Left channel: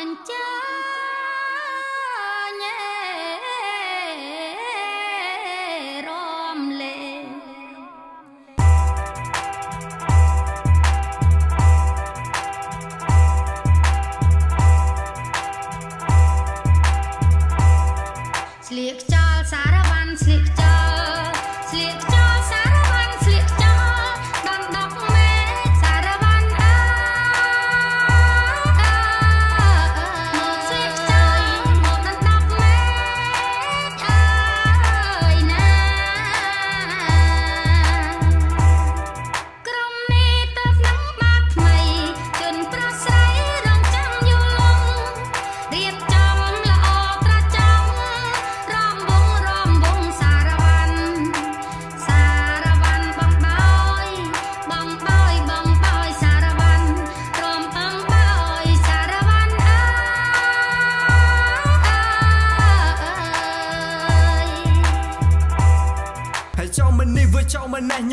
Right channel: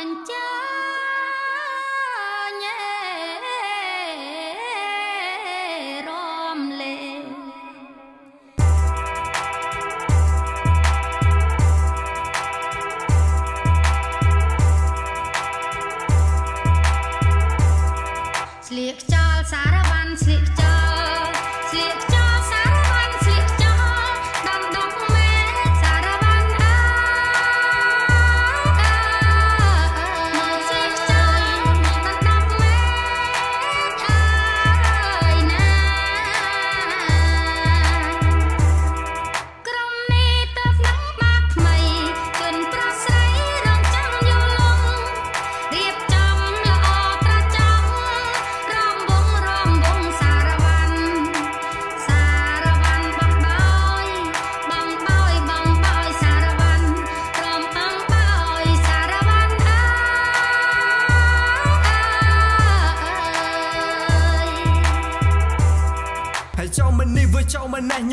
ខ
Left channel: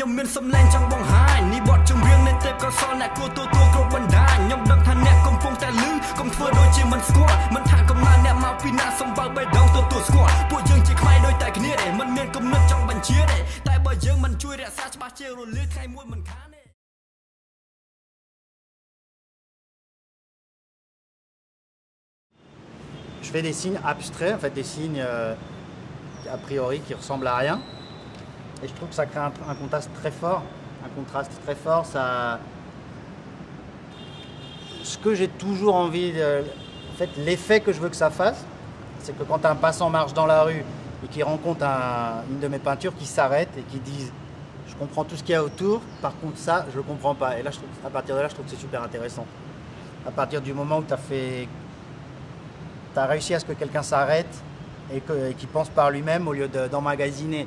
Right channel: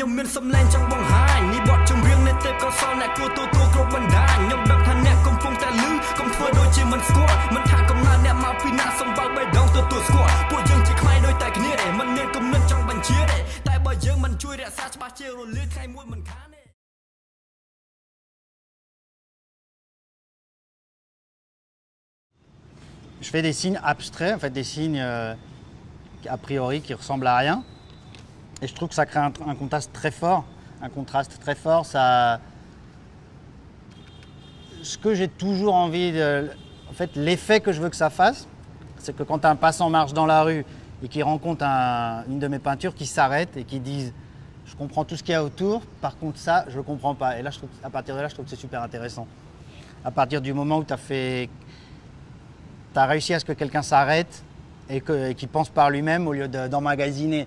្ញុំមានសំឡេងចង់បង្ហាញនេះបទចម្រៀងនៃទេពកោសលអ្នកគួរទទួលគ្រប់បណ្ដាញខ្ញុំដឹងថាអ្នកកំពុងតែលឺកុំធ្វើដូចជាមិនស្គាល់មិនថាកំណើតអ្នកមកពីណាសំបើបេះដូងទទួលស្គាល់ពួកយើងជាខ្មែរដូចតែគ្នាទេមិនមានគំនិតចង់បញ្ជាទេតែបើយើងមិនជួយរក្សាច្បាស់ជារលាយថ្ងៃមួយមិនខានទេ Je fais des signes abstraits, en fait des signes a priori qui ressemblent à rien. Et je trouve que ça crée un contraste très fort. Un contraste très fort, ça... Ce que j'ai toujours envie de... En fait, l'effet que je veux que ça fasse, c'est que quand un passant marche dans la rue et qu'il rencontre une de mes peintures, qu'il s'arrête et qu'il dise « Je comprends tout ce qu'il y a autour, par contre ça, je ne le comprends pas ». Et là, à partir de là, je trouve que c'est super intéressant. À partir du moment où tu as réussi à ce que quelqu'un s'arrête et qu'il pense par lui-même au lieu d'emmagasiner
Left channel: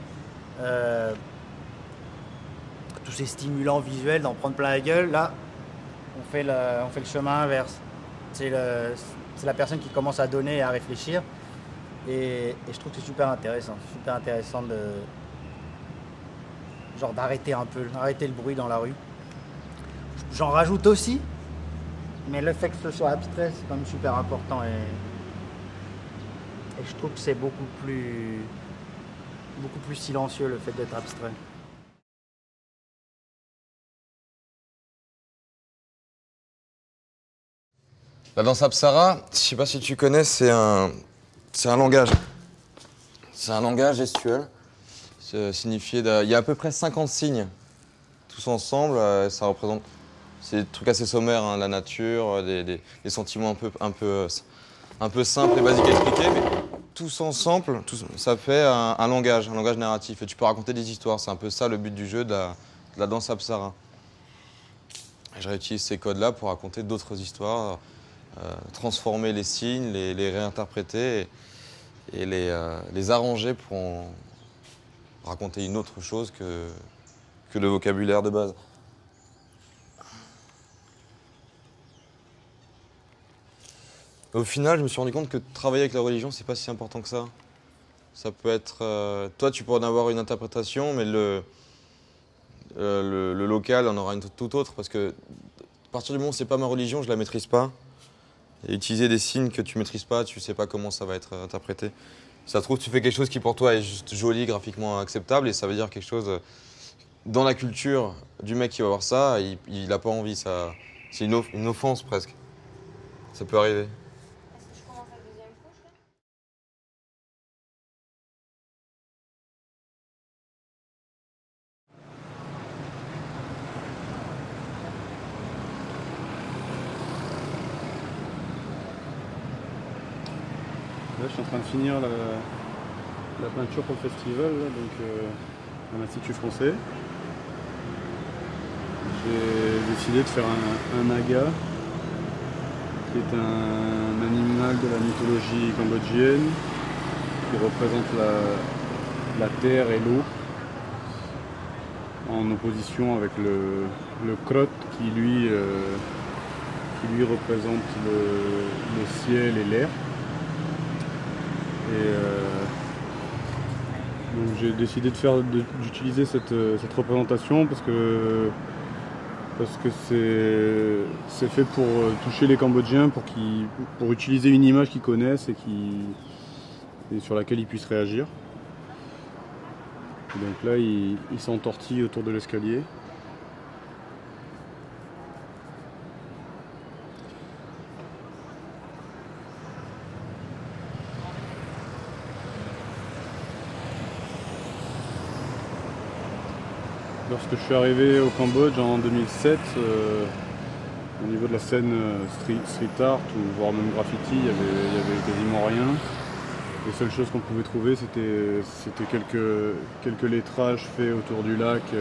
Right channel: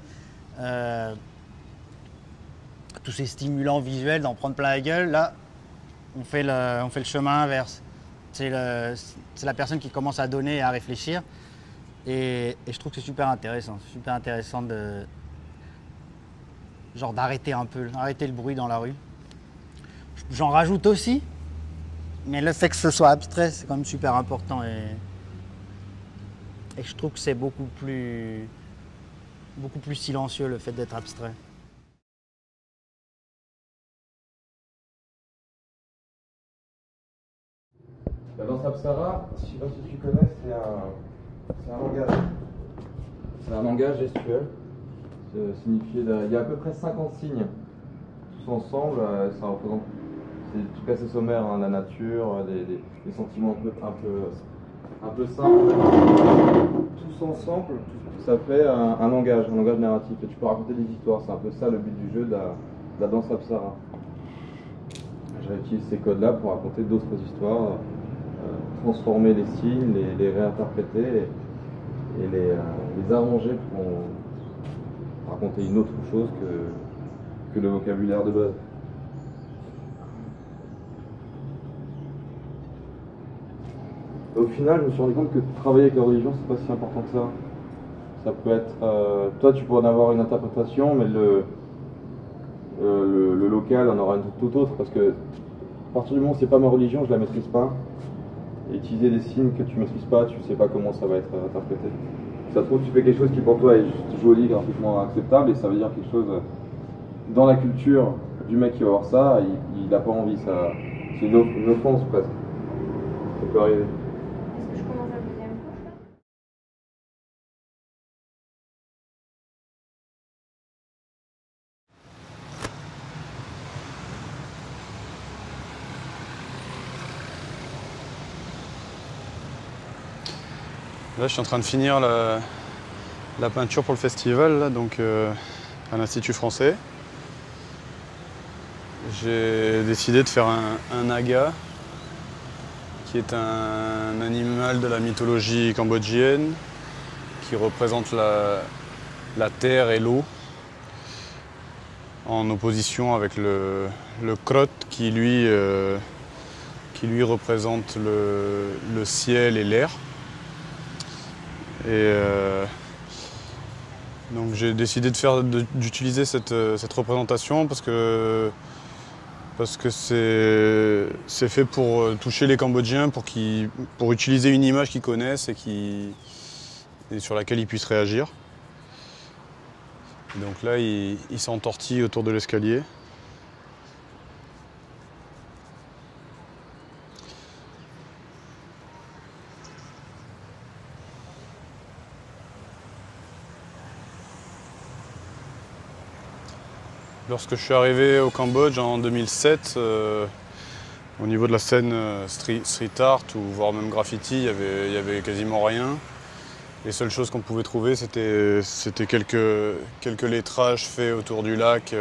tous ces stimulants visuels, d'en prendre plein la gueule, là, on fait le chemin inverse. C'est la personne qui commence à donner et à réfléchir. Et je trouve que c'est super intéressant genre d'arrêter un peu, d'arrêter le bruit dans la rue. J'en rajoute aussi, mais le fait que ce soit abstrait, c'est quand même super important. Et je trouve que c'est beaucoup plus silencieux le fait d'être abstrait. La danse Apsara, je ne sais pas si tu connais, c'est un langage. C'est un langage gestuel. Il y a à peu près 50 signes. Tous ensemble, ça représente... C'est des trucs assez sommaires, hein, la nature, des sentiments un peu simples et basiques à expliquer. Mais tous ensemble, ça fait un langage narratif. Et tu peux raconter des histoires. C'est un peu ça le but du jeu de la danse Apsara. Et je réutilise ces codes-là pour raconter d'autres histoires, transformer les signes, les réinterpréter et les arranger pour raconter une autre chose que le vocabulaire de base. Au final, je me suis rendu compte que travailler avec la religion, c'est pas si important que ça. Ça peut être... toi, tu pourrais en avoir une interprétation, mais le local en aura une tout autre, parce que à partir du moment où c'est pas ma religion, je la maîtrise pas. Et utiliser des signes que tu maîtrises pas, tu sais pas comment ça va être interprété. Ça se trouve, tu fais quelque chose qui pour toi est juste joli, graphiquement acceptable, et ça veut dire quelque chose dans la culture du mec qui va voir ça, il a pas envie, ça, c'est une offense presque. Ça peut arriver. Là, je suis en train de finir la peinture pour le festival, là, donc à l'Institut français. J'ai décidé de faire un naga, qui est un animal de la mythologie cambodgienne, qui représente la terre et l'eau, en opposition avec le krot qui lui représente le ciel et l'air. Et donc j'ai décidé d'utiliser cette représentation parce que parce que c'est fait pour toucher les Cambodgiens, pour utiliser une image qu'ils connaissent et sur laquelle ils puissent réagir. Et donc là, ils s'entortillent autour de l'escalier. Lorsque je suis arrivé au Cambodge en 2007, au niveau de la scène street art ou voire même graffiti, il y avait quasiment rien. Les seules choses qu'on pouvait trouver, c'était quelques lettrages faits autour du lac,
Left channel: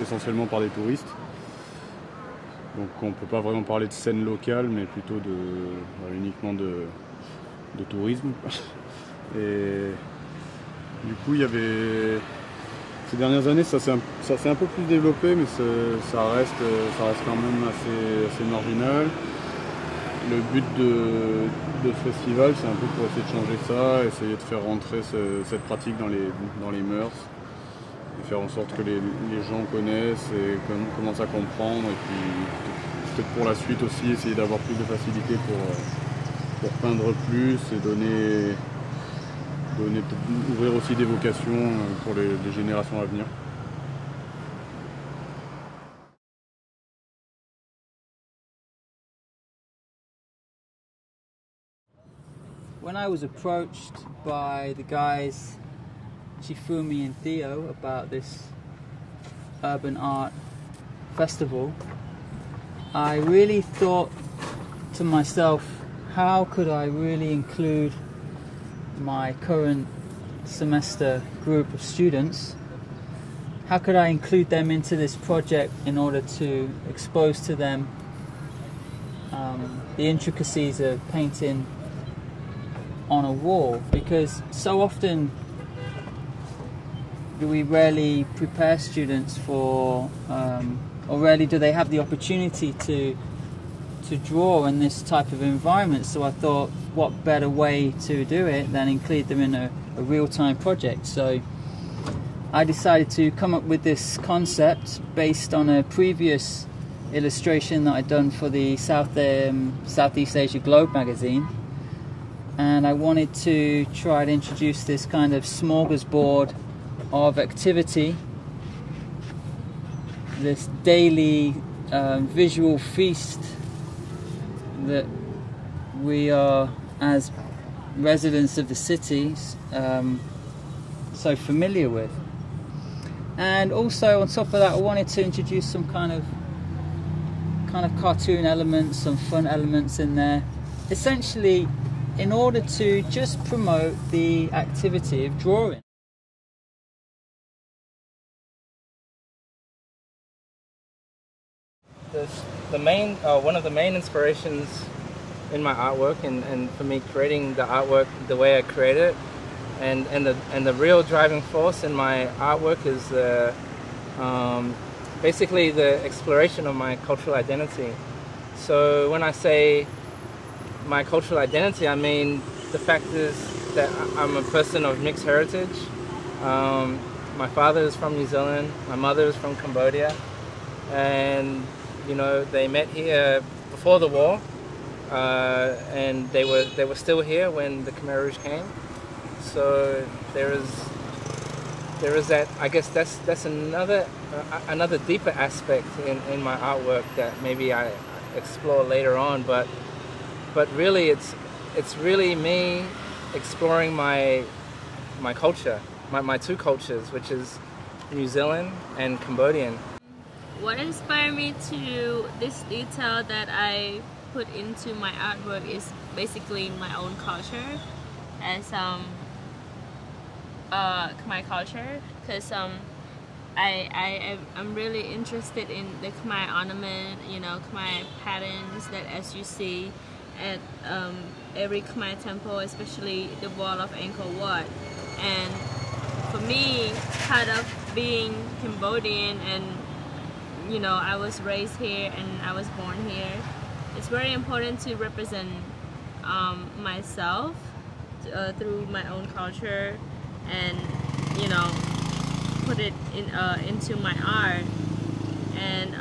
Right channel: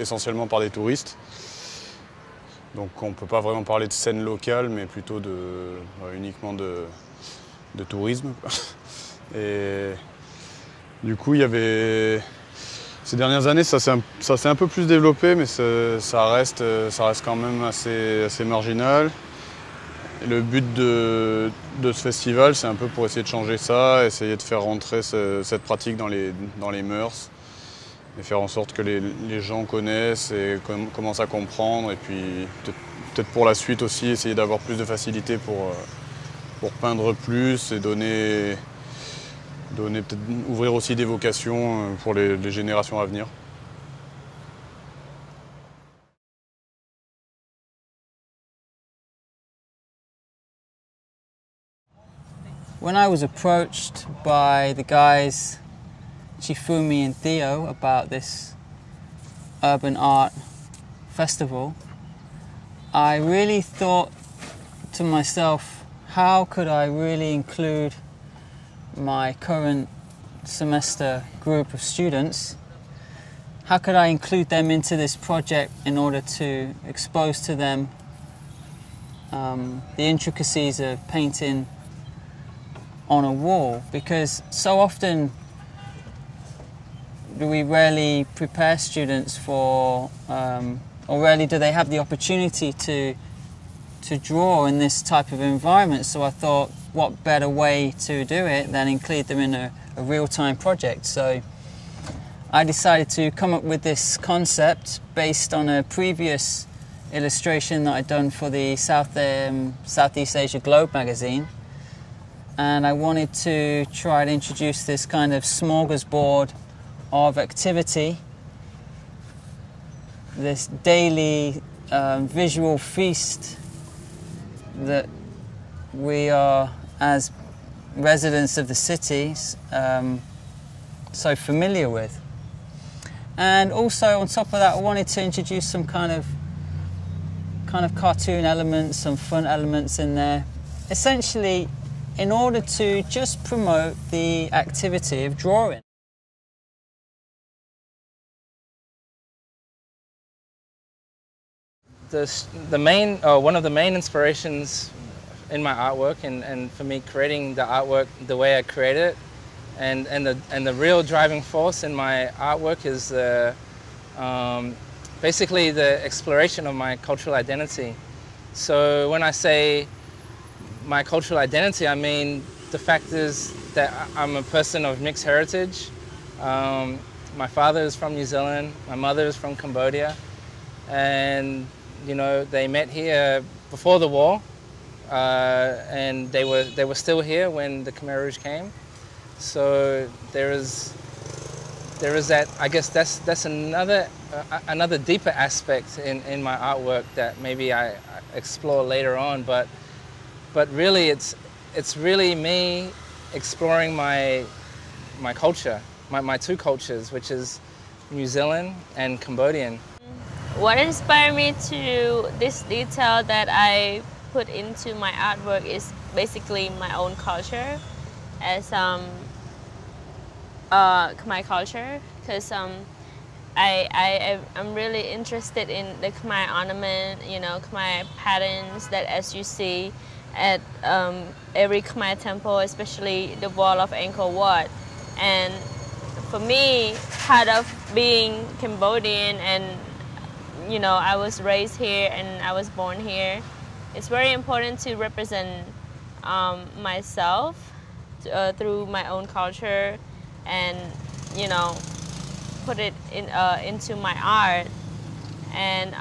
essentiellement par des touristes. Donc on ne peut pas vraiment parler de scène locale, mais plutôt uniquement de tourisme. Et du coup, il y avait... Ces dernières années, ça s'est un peu plus développé, mais ça reste quand même assez marginal. Et le but de ce festival, c'est un peu pour essayer de changer ça, essayer de faire rentrer cette pratique dans les mœurs, et faire en sorte que les gens connaissent et commencent à comprendre. Et puis peut-être pour la suite aussi, essayer d'avoir plus de facilité pour peindre plus et peut-être ouvrir aussi des vocations pour les générations à venir. When I was approached by the guys Chifumi and Theo about this urban art festival, I really thought to myself, how could I really include my current semester group of students? How could I include them into this project in order to expose to them the intricacies of painting on a wall? Because so often we rarely prepare students for, or rarely do they have the opportunity to draw in this type of environment. So I thought, what better way to do it than include them in a real-time project? So I decided to come up with this concept based on a previous illustration that I'd done for the Southeast Asia Globe magazine. And I wanted to try to introduce this kind of smorgasbord of activity, this daily visual feast that we are, as residents of the cities, so familiar with. And also on top of that, I wanted to introduce some kind of cartoon elements, some fun elements in there, essentially in order to just promote the activity of drawing. One of the main inspirations in my artwork and for me creating the artwork the way I create it, and the real driving force in my artwork is basically the exploration of my cultural identity. So when I say my cultural identity, I mean the fact is that I'm a person of mixed heritage. My father is from New Zealand, my mother is from Cambodia, and you know, they met here before the war, and they were still here when the Khmer Rouge came. So there is that. I guess that's another deeper aspect in my artwork that maybe I explore later on. But really, it's really me exploring my culture, my two cultures, which is New Zealand and Cambodian. What inspired me to this detail that I put into my artwork is basically my own culture as Khmer culture, because I'm really interested in the Khmer ornament, you know, Khmer patterns that as you see at every Khmer temple, especially the wall of Angkor Wat. And for me, part of being Cambodian, and you know, I was raised here and I was born here, it's very important to represent myself through my own culture, and you know, put it into my art. And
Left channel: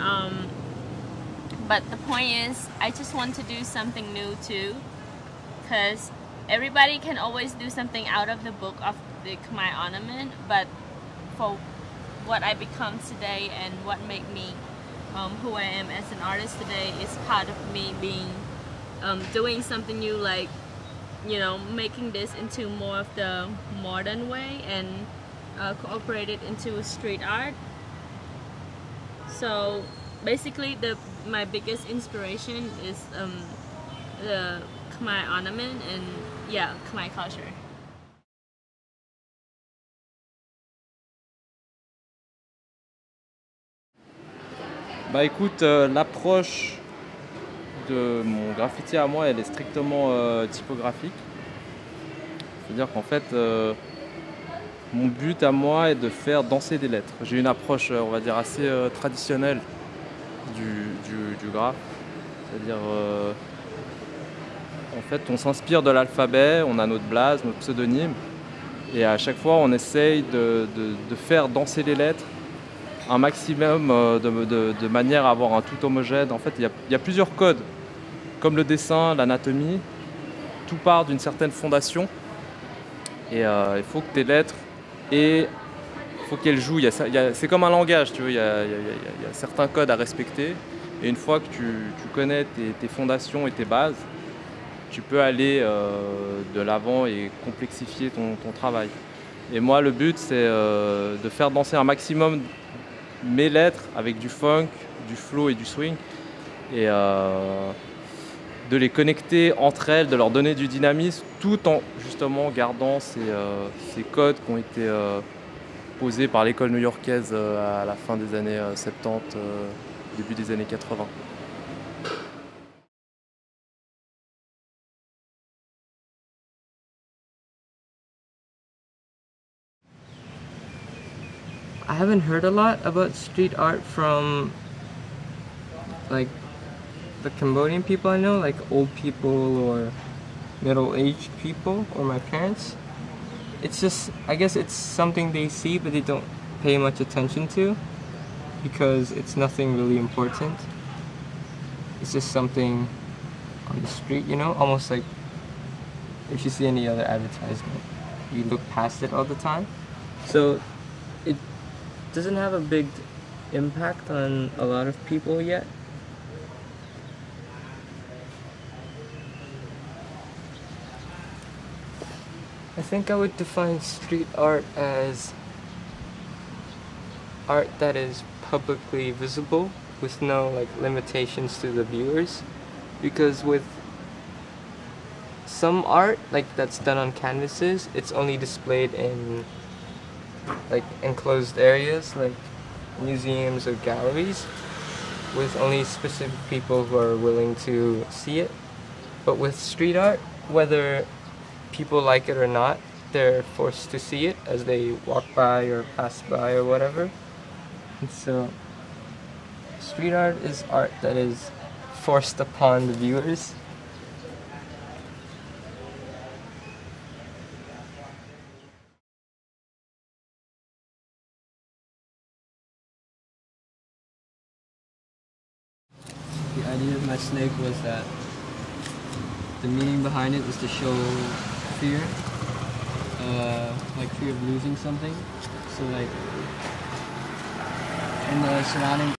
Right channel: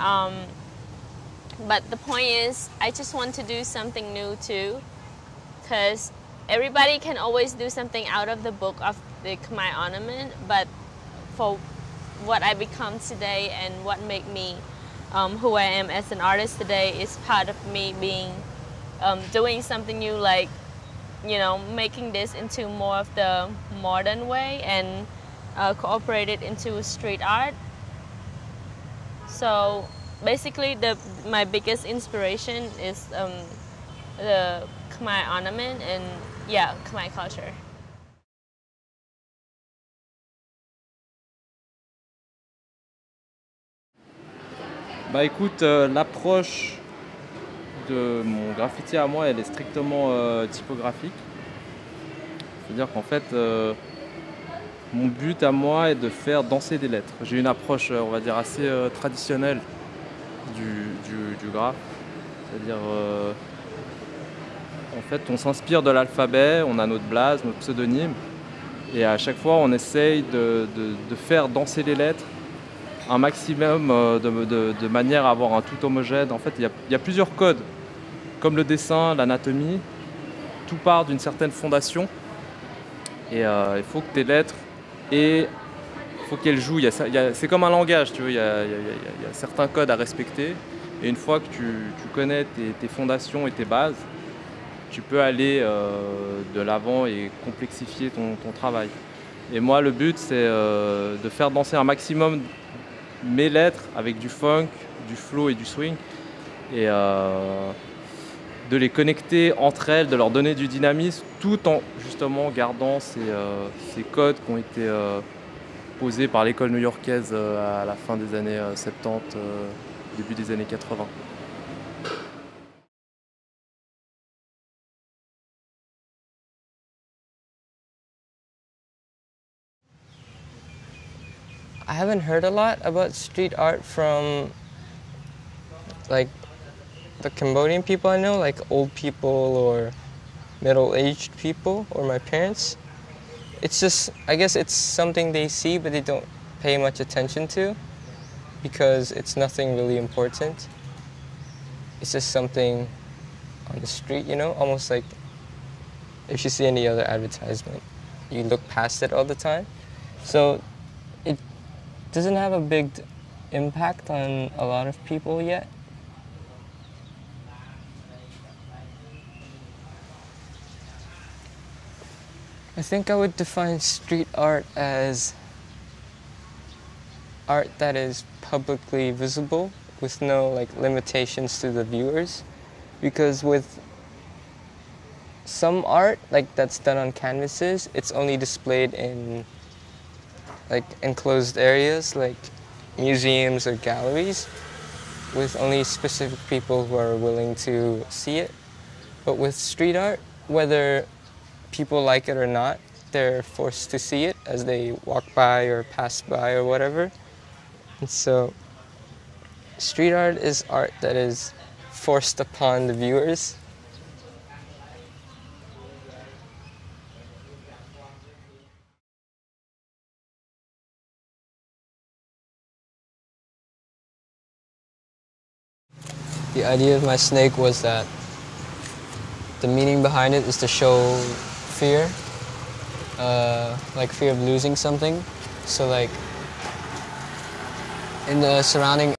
But the point is, I just want to do something new too, because everybody can always do something out of the book of the Khmer ornament, but for what I become today and what made me who I am as an artist today is part of me being doing something new, like, you know, making this into more of the modern way and cooperate it into street art. So basically my biggest inspiration is the Khmer ornament and yeah, Khmer culture. Bah écoute, l'approche de mon graffiti à moi, elle est strictement typographique. C'est-à-dire qu'en fait, mon but à moi est de faire danser des lettres. J'ai une approche, on va dire, assez traditionnelle du graphe. C'est-à-dire, en fait, on s'inspire de l'alphabet, on a notre blase, notre pseudonyme, et à chaque fois, on essaye de faire danser les lettres un maximum de manière à avoir un tout homogène. En fait, il y a plusieurs codes, comme le dessin, l'anatomie. Tout part d'une certaine fondation. Et il faut que tes lettres, il faut qu'elles jouent. C'est comme un langage, tu vois. Il y a certains codes à respecter. Et une fois que tu connais tes fondations et tes bases, tu peux aller de l'avant et complexifier ton travail. Et moi, le but, c'est de faire danser un maximum mes lettres avec du funk, du flow et du swing, et de les connecter entre elles, de leur donner du dynamisme, tout en justement gardant ces codes qui ont été posés par l'école new-yorkaise à la fin des années 70, début des années 80. I haven't heard a lot about street art from like the Cambodian people I know, like old people or middle-aged people or my parents. It's just, I guess it's something they see but they don't pay much attention to because it's nothing really important. It's just something on the street, you know, almost like if you see any other advertisement, you look past it all the time. So it doesn't have a big impact on a lot of people yet. I think I would define street art as art that is publicly visible with no like limitations to the viewers, because with some art like that's done on canvases, it's only displayed in like enclosed areas like museums or galleries with only specific people who are willing to see it. But with street art, whether people like it or not, they're forced to see it as they walk by or pass by or whatever. And so street art is art that is forced upon the viewers. The idea of my snake was that the meaning behind it is to show fear, like fear of losing something. So like in the surrounding